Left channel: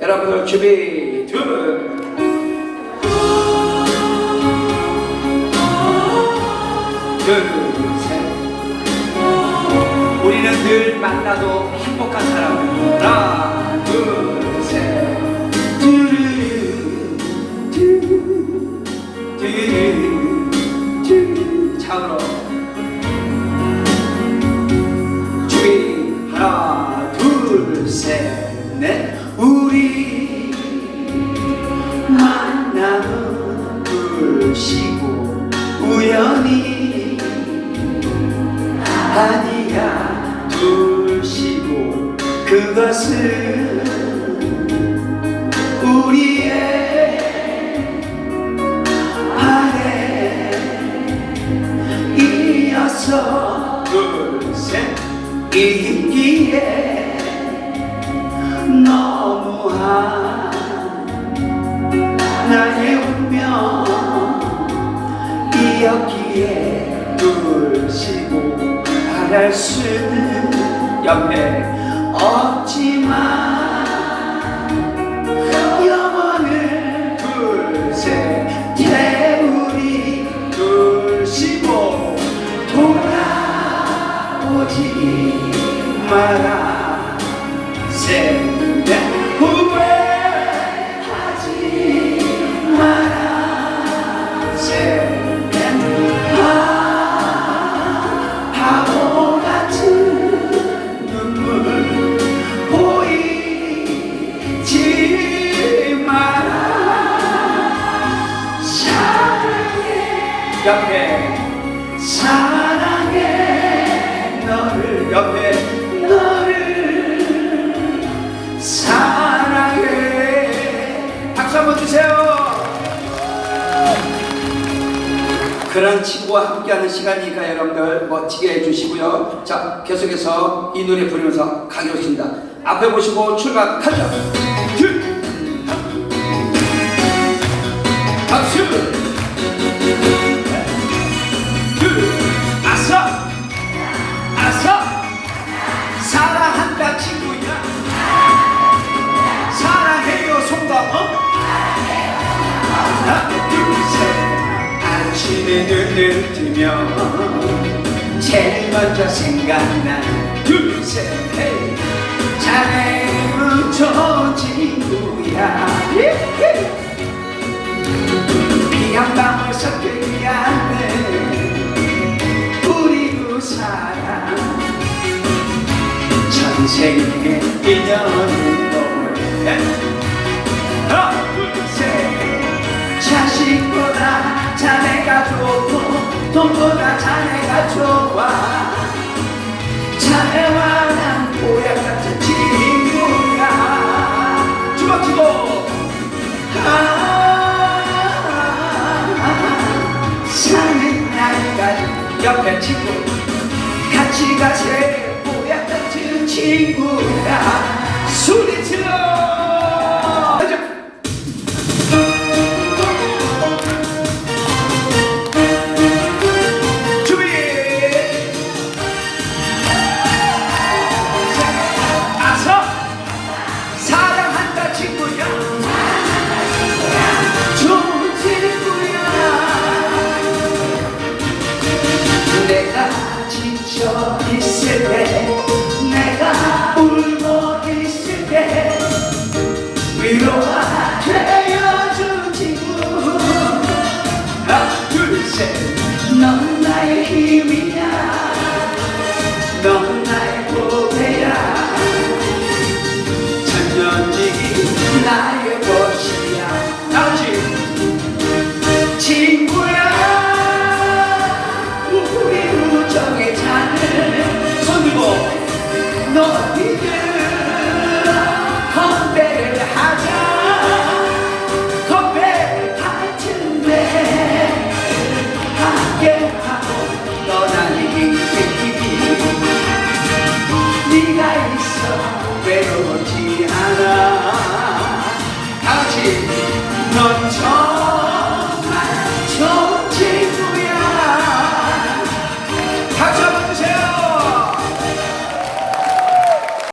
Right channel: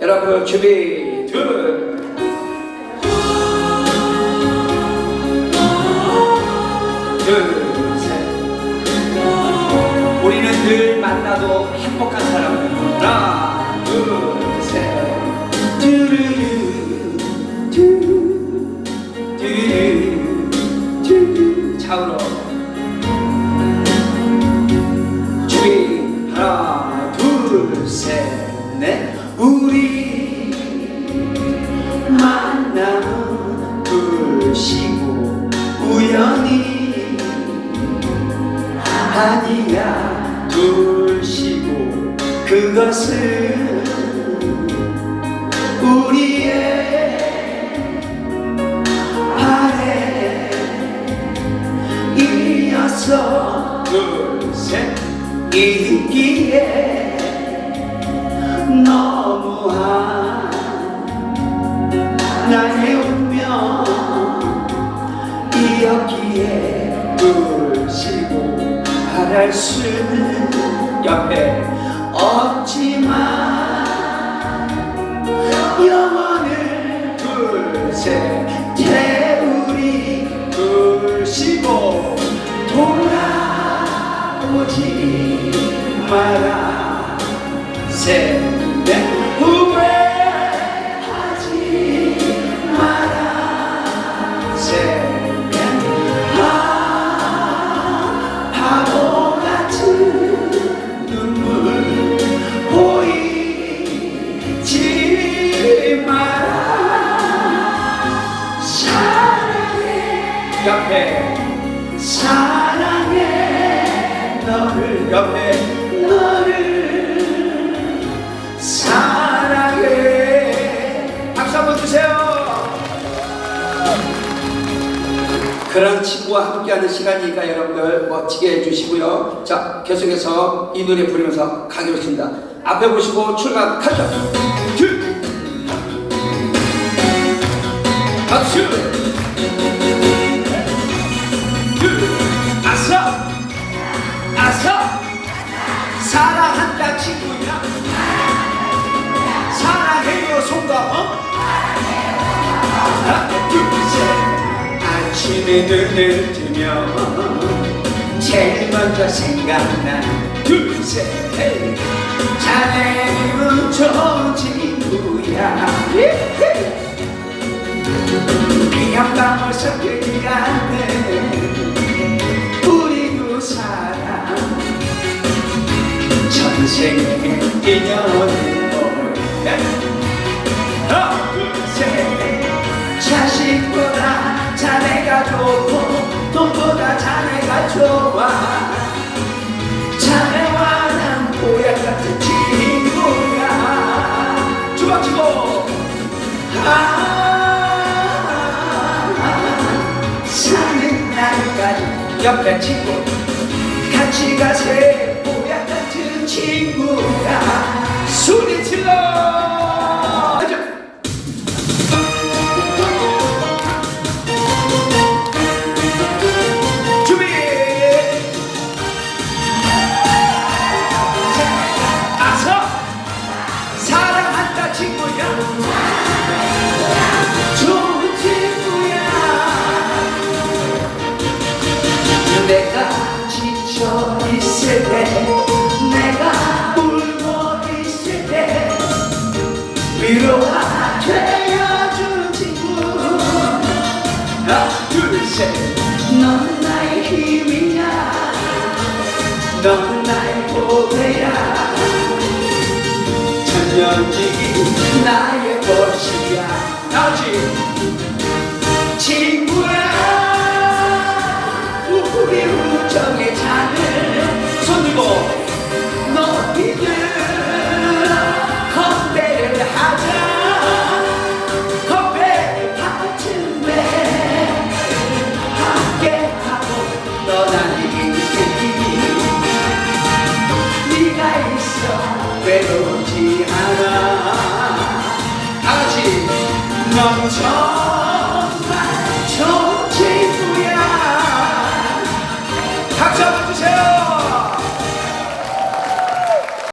여러분 준비 둘 둘, 셋. 우리는 늘 만나도 행복한 사람. 하나, 둘, 우리의 바램이었어 둘셋. 이기에 너무한 나의 운명 이었기에 둘시고 바랄 수는 옆에 돌아오지 마라. 셋넷 후회하지 마라. 아 바보 같은 눈물 보이지 마라. 사랑해. 옆에 사랑해 사랑해. 박수 한번 주세요. 함께하는 시간이니까 여러분들 멋지게 해주시고요. 자 계속해서 이 노래 부르면서 가기로 했습니다. 앞에 보시고 출발 가죠 둘. 박수 둘셋 아침에 눈을 뜨면 제일 먼저 생각나 둘셋 자네는 좋은 친구야. 전생의 인연은 돈보다 자네가 좋아 자네와 난 보약 같은 친구야 주먹치고! 아 사는 날까지 옆에 친구 같이 가세. 보약 같은 친구 내가 지쳐 있을 때 내가 울고 있을 때 위로가 되어주는 친구. 하나 둘셋넌 나의 힘이야. 넌 나의 보배야. 천년지기 나의 있어 외로우지 않아